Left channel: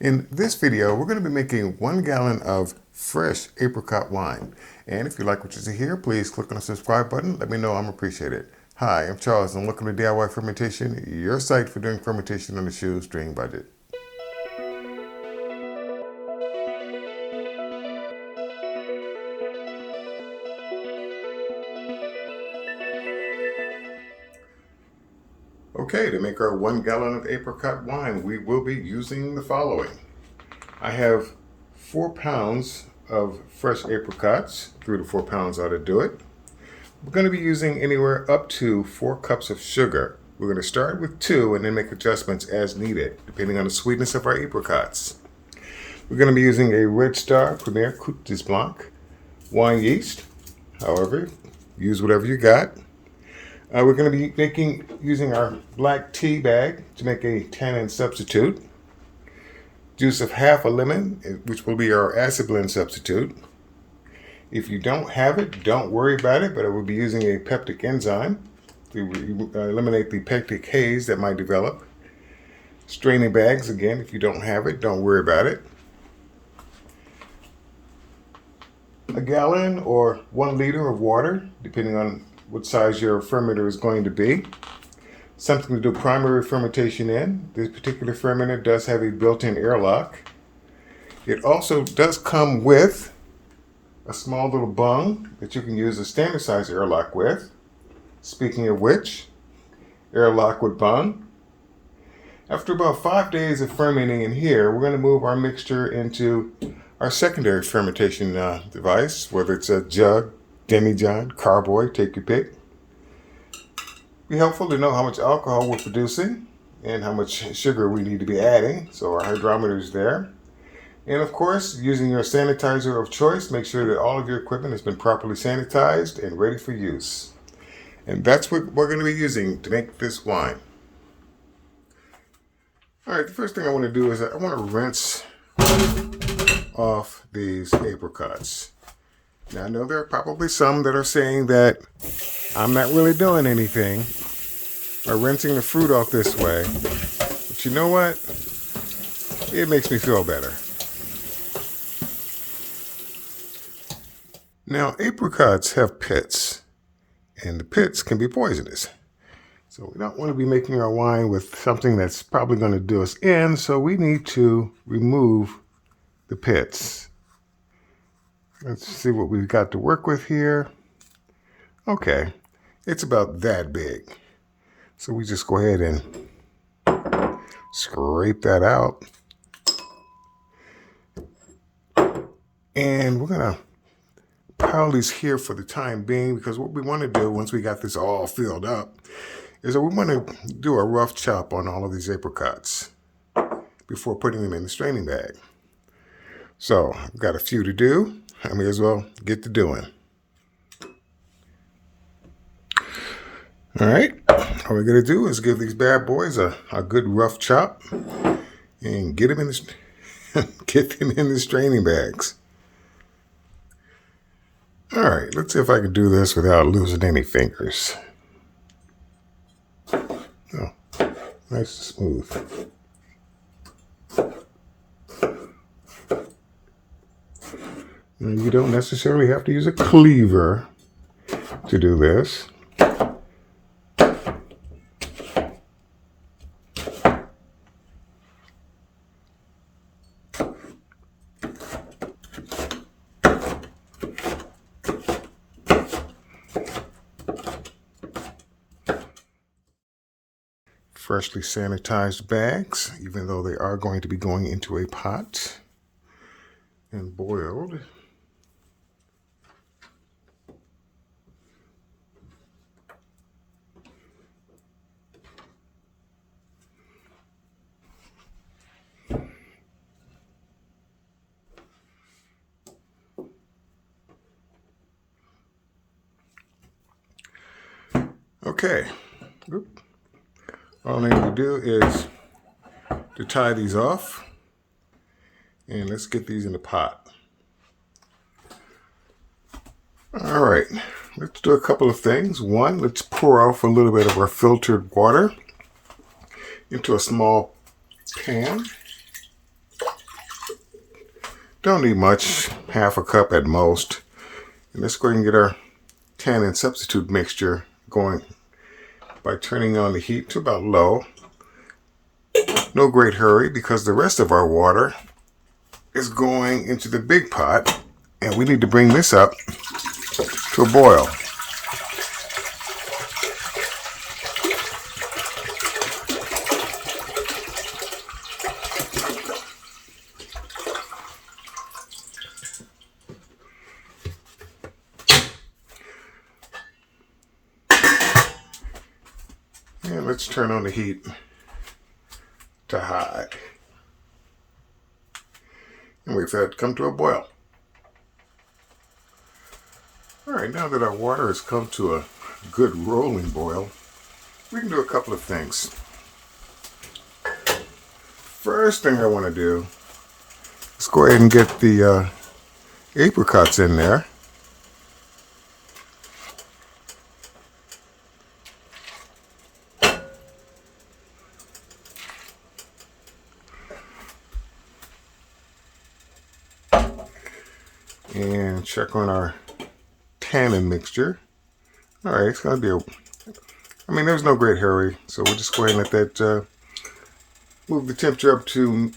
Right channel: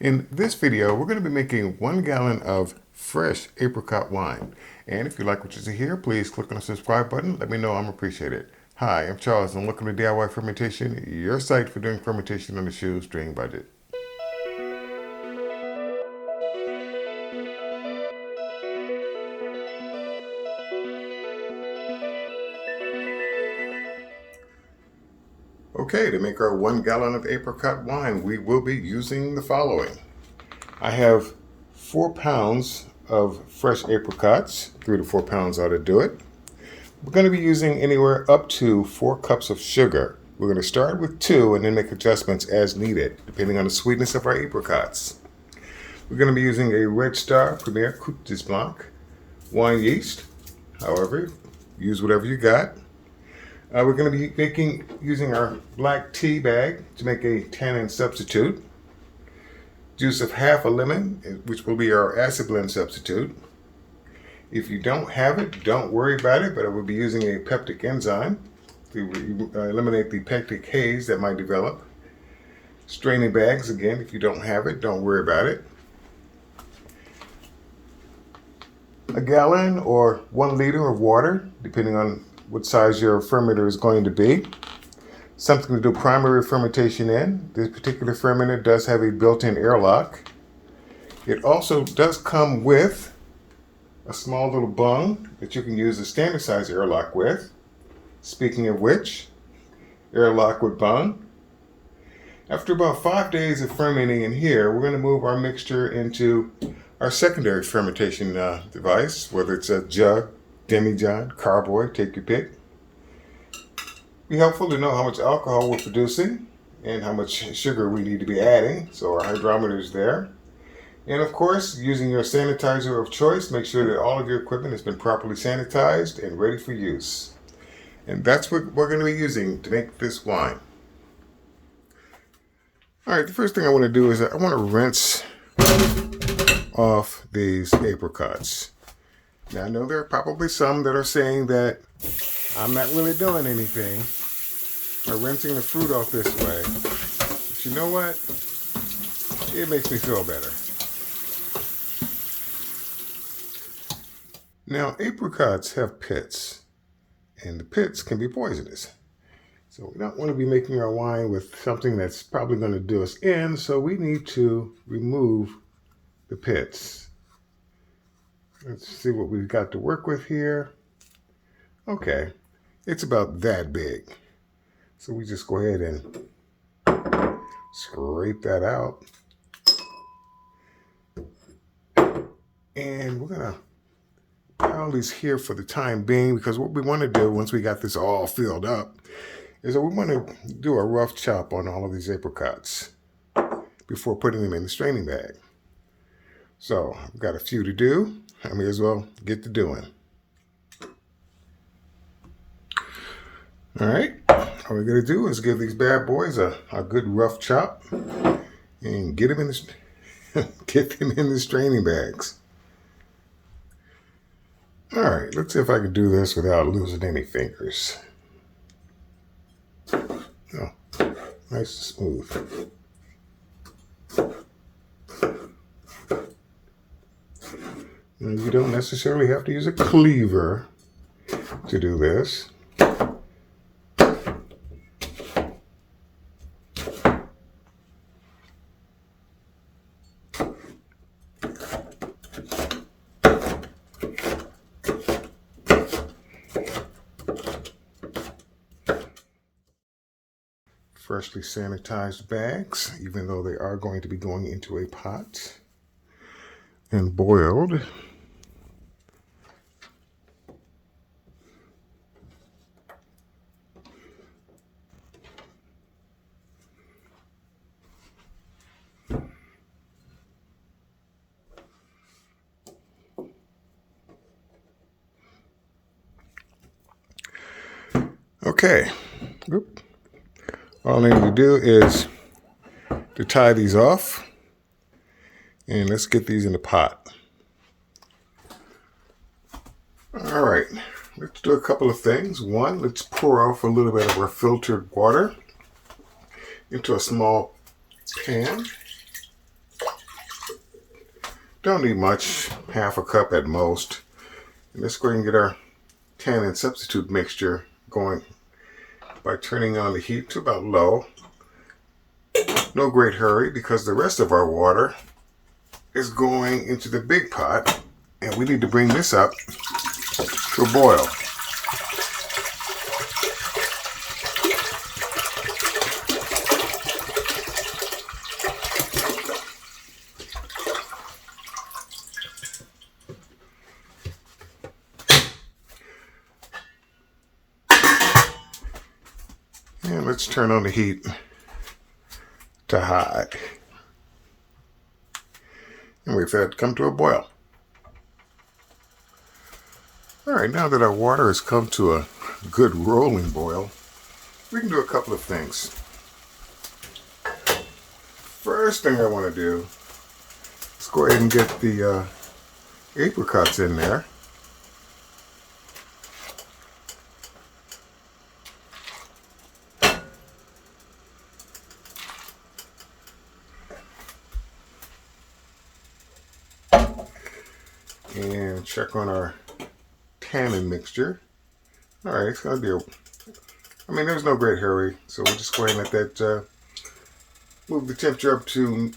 In this video, we're going to be making 1 gallon of fresh apricot wine. And if you like what you see here, please click on the subscribe button. Let me know I'm appreciated. Hi, I'm Charles and welcome to DIY Fermentation, your site for doing fermentation on a shoestring budget. Okay, to make our 1 gallon of apricot wine, we will be using the following. I have 4 pounds of fresh apricots. 3 to 4 pounds ought to do it. We're going to be using anywhere up to 4 cups of sugar. We're going to start with 2 and then make adjustments as needed, depending on the sweetness of our apricots. We're going to be using a Red Star Apricot de Blanc wine yeast. However, use whatever you got. We're going to be using our black tea bag to make a tannin substitute. Juice of half a lemon, which will be our acid blend substitute. If you don't have it, don't worry about it, but I will be using a peptic enzyme to eliminate the pectic haze that might develop. Straining bags, again, if you don't have it, don't worry about it. A gallon or 1 liter of water, depending on what size your fermenter is going to be. Something to do primary fermentation in. This particular fermenter does have a built-in airlock. It also does come with a small little bung that you can use a standard size airlock with. Speaking of which, airlock with bung. After about 5 days of fermenting in here, we're going to move our mixture into our secondary fermentation device, whether it's a jug, demi-john, carboy, take your pick. Be helpful to know how much alcohol we're producing and how much sugar we need to be adding. So our hydrometer is there. And of course, using your sanitizer of choice, make sure that all of your equipment has been properly sanitized and ready for use. And that's what we're going to be using to make this wine. All right, the first thing I want to do is I want to rinse off these apricots. Now, I know there are probably some that are saying that I'm not really doing anything by rinsing the fruit off this way. But you know what? It makes me feel better. Now, apricots have pits, and the pits can be poisonous. So we don't want to be making our wine with something that's probably going to do us in, so we need to remove the pits. Let's see what we've got to work with here. Okay, it's about that big. So we just go ahead and scrape that out. And we're gonna pile these here for the time being, because what we want to do once we got this all filled up is that we want to do a rough chop on all of these apricots before putting them in the straining bag. So I've got a few to do. I may as well get to doing. All right, all we're gonna do is give these bad boys a good rough chop and get them in the straining bags. All right, let's see if I can do this without losing any fingers. Oh, nice and smooth. Now, you don't necessarily have to use a cleaver to do this. Freshly sanitized bags, even though they are going to be going into a pot and boiled. Okay. Oop. All I need to do is to tie these off, and let's get these in the pot. All right, let's do a couple of things. One, let's pour off a little bit of our filtered water into a small pan. Don't need much, half a cup at most. And let's go ahead and get our tannin substitute mixture going by turning on the heat to about low. No great hurry because the rest of our water is going into the big pot and we need to bring this up to a boil. And let's turn on the heat to high. And wait for that to come to a boil. Alright, now that our water has come to a good rolling boil, we can do a couple of things. First thing I want to do is go ahead and get the apricots in there. And check on our tannin mixture. Alright, it's going to be there's no great hurry, so we'll just go ahead and let that move the temperature up to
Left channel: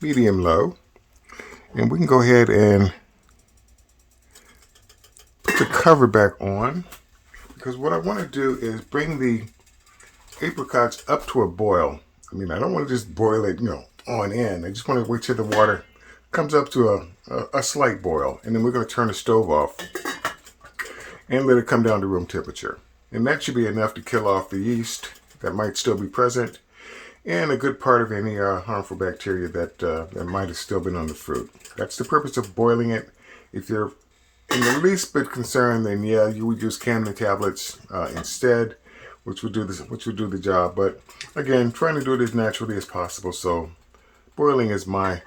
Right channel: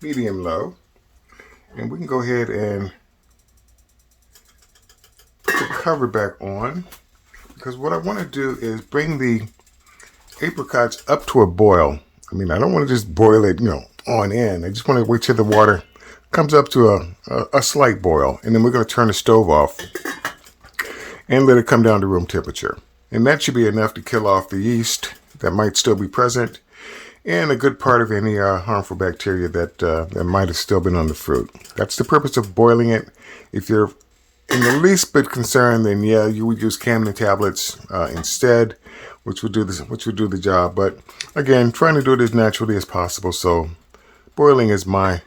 medium low. And we can go ahead and put the cover back on, because what I want to do is bring the apricots up to a boil. I don't want to just boil it, on in. I just want to wait till the water comes up to a slight boil, and then we're going to turn the stove off and let it come down to room temperature. And that should be enough to kill off the yeast that might still be present and a good part of any harmful bacteria that might have still been on the fruit. That's the purpose of boiling it. If you're in the least bit concerned, then yeah, you would use Canon tablets instead, which would do the job. But again, trying to do it as naturally as possible, so boiling is my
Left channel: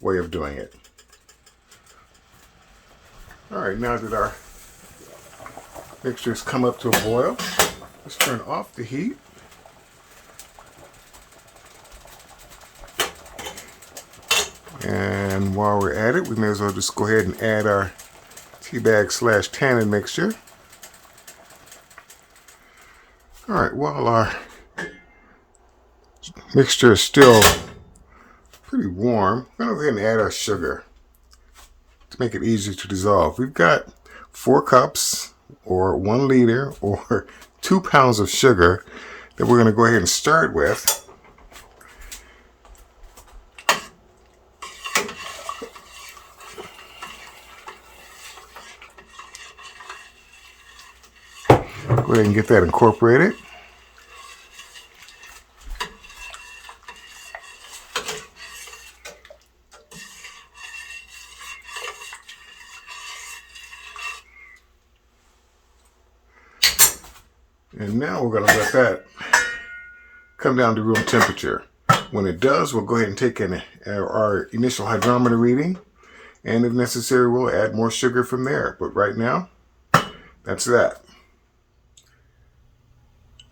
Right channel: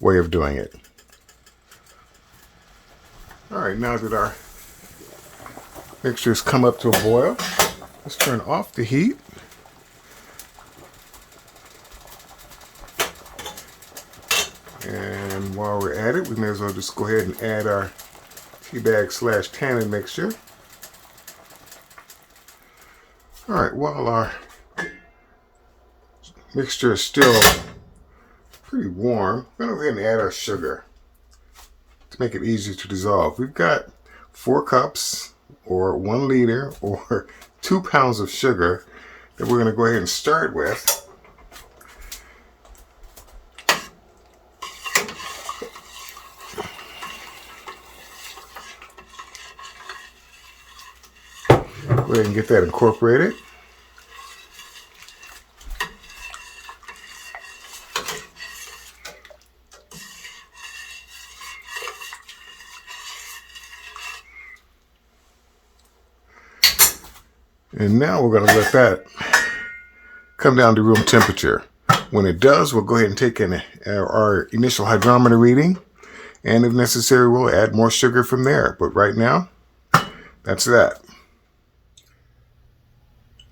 way of doing it. Alright, now that our mixtures come up to a boil, let's turn off the heat. And while we're at it, we may as well just go ahead and add our tea bag / tannin mixture. Alright, while our mixture is still pretty warm, we're going to go ahead and add our sugar to make it easier to dissolve. We've got 4 cups or 1 liter or 2 pounds of sugar that we're going to go ahead and stir it with. Go ahead and get that incorporated. And now we're going to let that come down to room temperature. When it does, we'll go ahead and take our initial hydrometer reading, and if necessary, we'll add more sugar from there. But right now, that's that.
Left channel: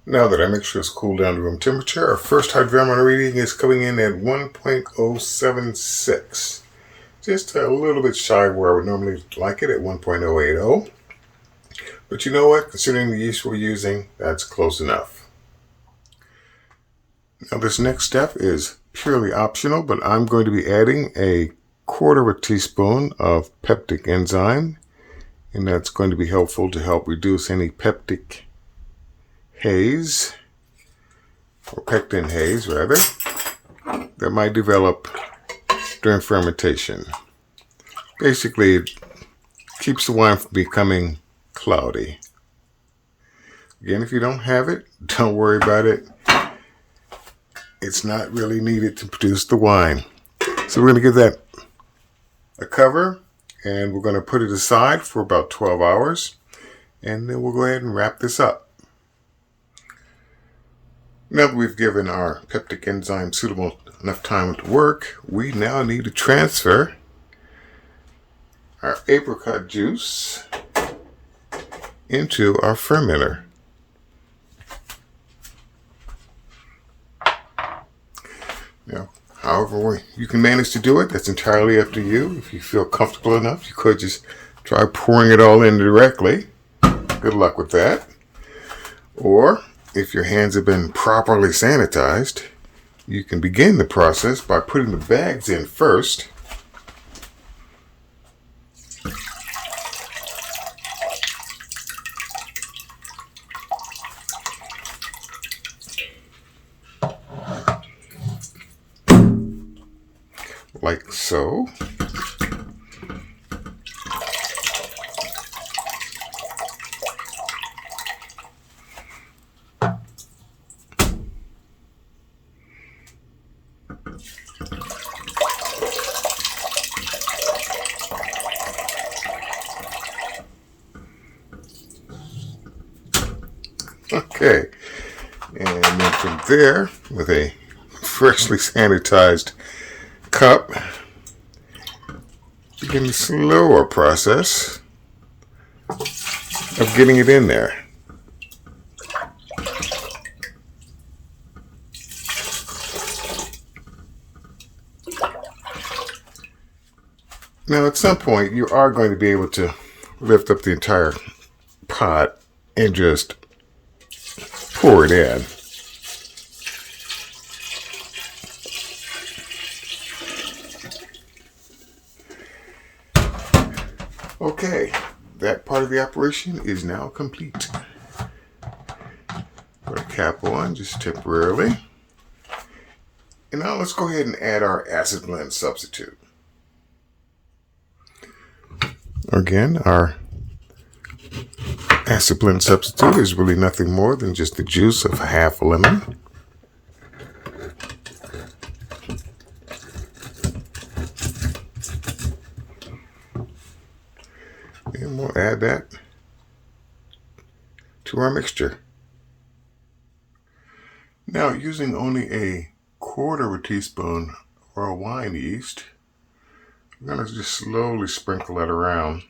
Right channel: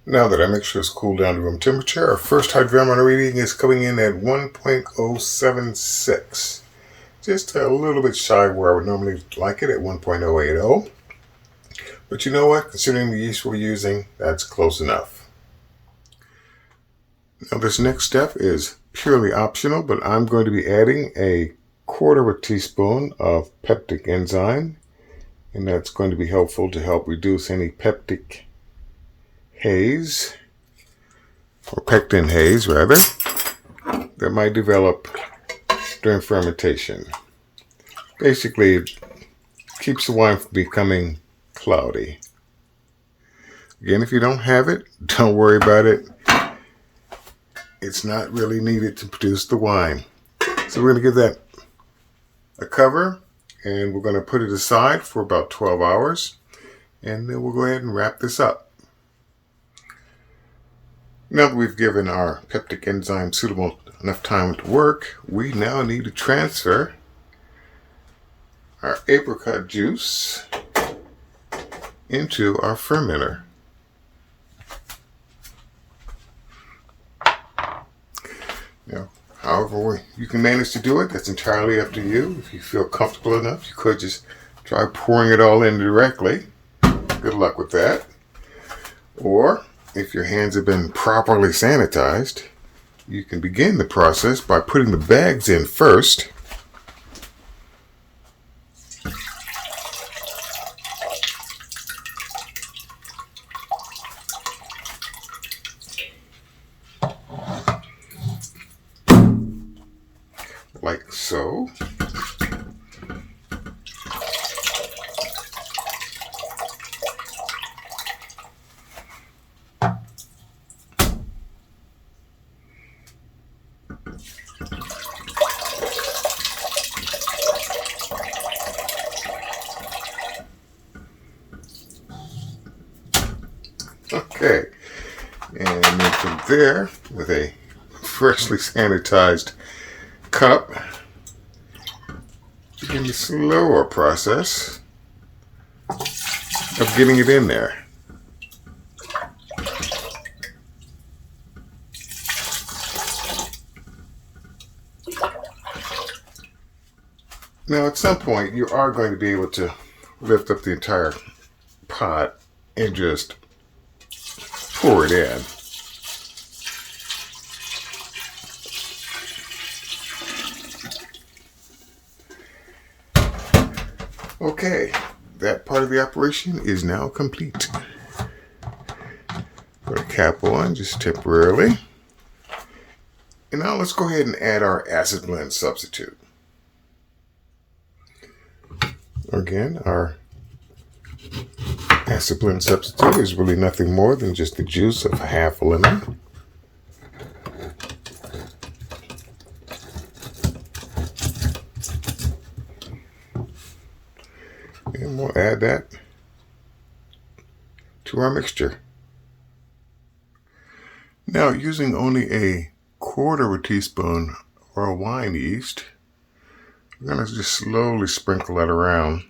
Now that our mixture is cooled down to room temperature, our first hydrometer reading is coming in at 1.076. Just a little bit shy of where I would normally like it at 1.080. But you know what? Considering the yeast we're using, that's close enough. Now this next step is purely optional, but I'm going to be adding a 1/4 teaspoon of peptic enzyme, and that's going to be helpful to help reduce any peptic haze, or pectin haze rather, that might develop during fermentation. Basically, it keeps the wine from becoming cloudy. Again, if you don't have it, don't worry about it. It's not really needed to produce the wine. So we're going to give that a cover, and we're going to put it aside for about 12 hours, and then we'll go ahead and wrap this up. Now that we've given our peptic enzyme suitable enough time to work, we now need to transfer our apricot juice into our fermenter. Now, However you can manage to do it, that's entirely up to you. If you feel comfortable enough, you could just try pouring it all in directly. Good luck with that. Or if your hands have been properly sanitized, you can begin the process by putting the bags in first. Like so. Okay, and then from there, with a freshly sanitized cup, begin the slower process of getting it in there. Now, at some point, you are going to be able to lift up the entire pot and just pour it in. Okay, that part of the operation is now complete. Put a cap on just temporarily. And now let's go ahead and add our acid blend substitute. Again, our acid blend substitute is really nothing more than just the juice of half a lemon. And we'll add that to our mixture. Now, using only a quarter of a teaspoon of our wine yeast, we're going to just slowly sprinkle that around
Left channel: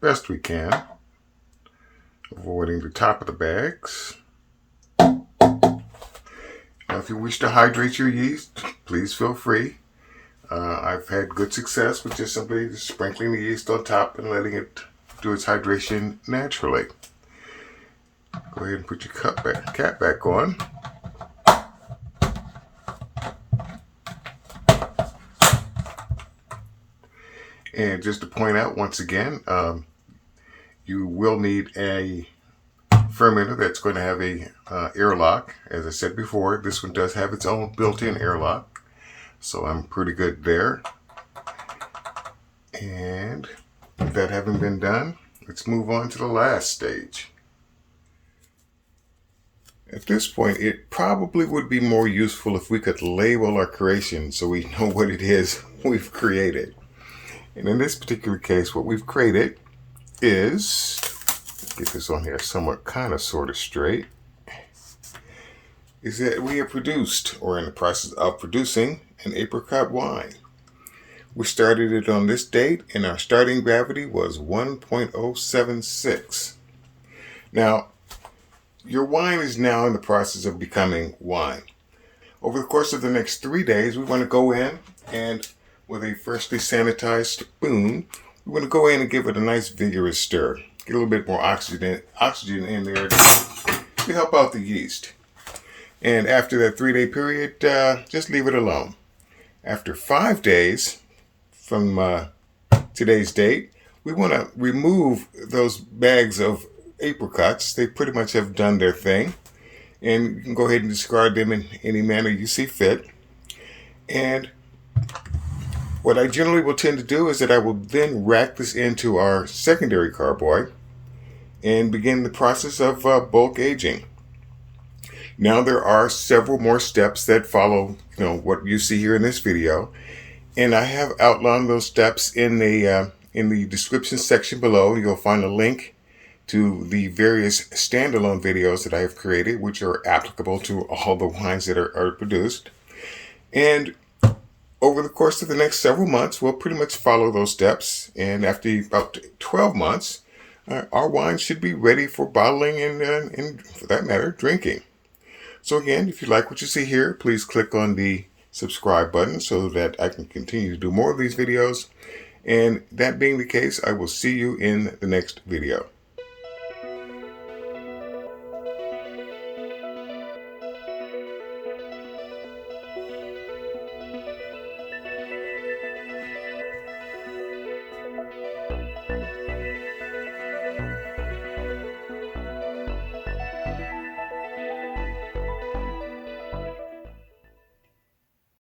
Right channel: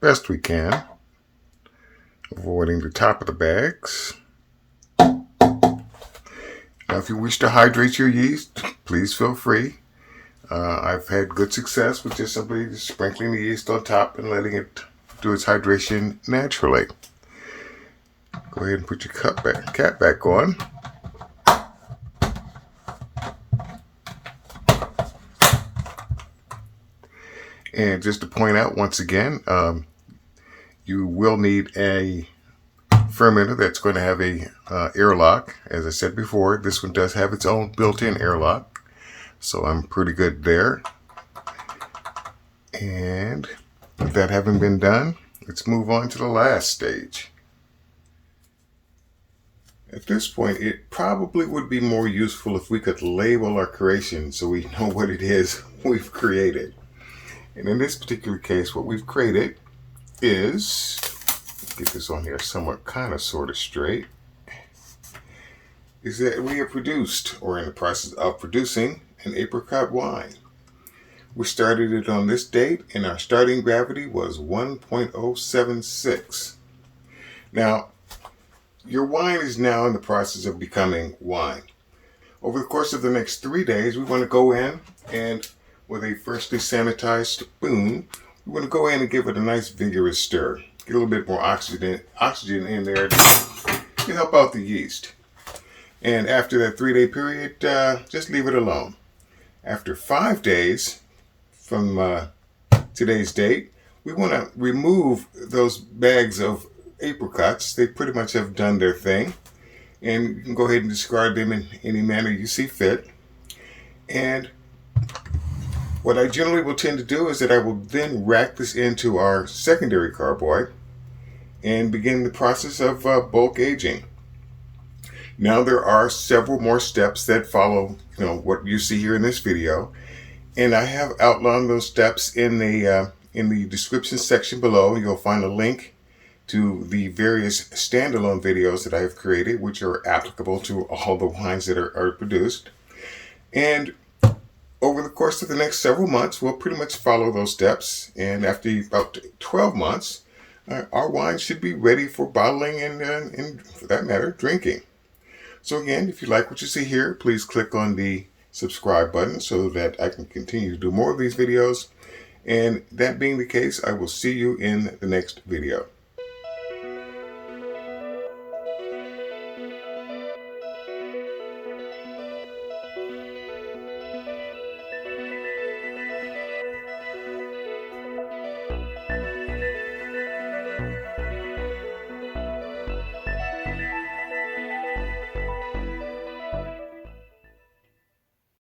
best we can, avoiding the top of the bags. Now, if you wish to hydrate your yeast, please feel free. I've had good success with just simply sprinkling the yeast on top and letting it do its hydration naturally. Go ahead and put your cap back on. And just to point out once again, you will need a fermenter that's going to have a airlock. As I said before, this one does have its own built-in airlock, so I'm pretty good there. And with that having been done, let's move on to the last stage. At this point, it probably would be more useful if we could label our creation so we know what it is we've created. And in this particular case, what we've created is, let's get this on here somewhat kind of sort of straight, is that we have produced, or in the process of producing, an apricot wine. We started it on this date, and our starting gravity was 1.076. Now, your wine is now in the process of becoming wine. Over the course of the next 3 days, we want to go in and, with a freshly sanitized spoon, we want to go in and give it a nice vigorous stir. Get a little bit more oxygen in there to help out the yeast. And after that 3-day period, just leave it alone. After 5 days from today's date, we want to remove those bags of apricots. They pretty much have done their thing. And you can go ahead and discard them in any manner you see fit. And what I generally will tend to do is that I will then rack this into our secondary carboy and begin the process of bulk aging. Now there are several more steps that follow, what you see here in this video, and I have outlined those steps in the description section below. You'll find a link to the various standalone videos that I have created, which are applicable to all the wines that are produced. And over the course of the next several months, we'll pretty much follow those steps. And after about 12 months, our wine should be ready for bottling and for that matter, drinking. So again, if you like what you see here, please click on the subscribe button so that I can continue to do more of these videos. And that being the case, I will see you in the next video.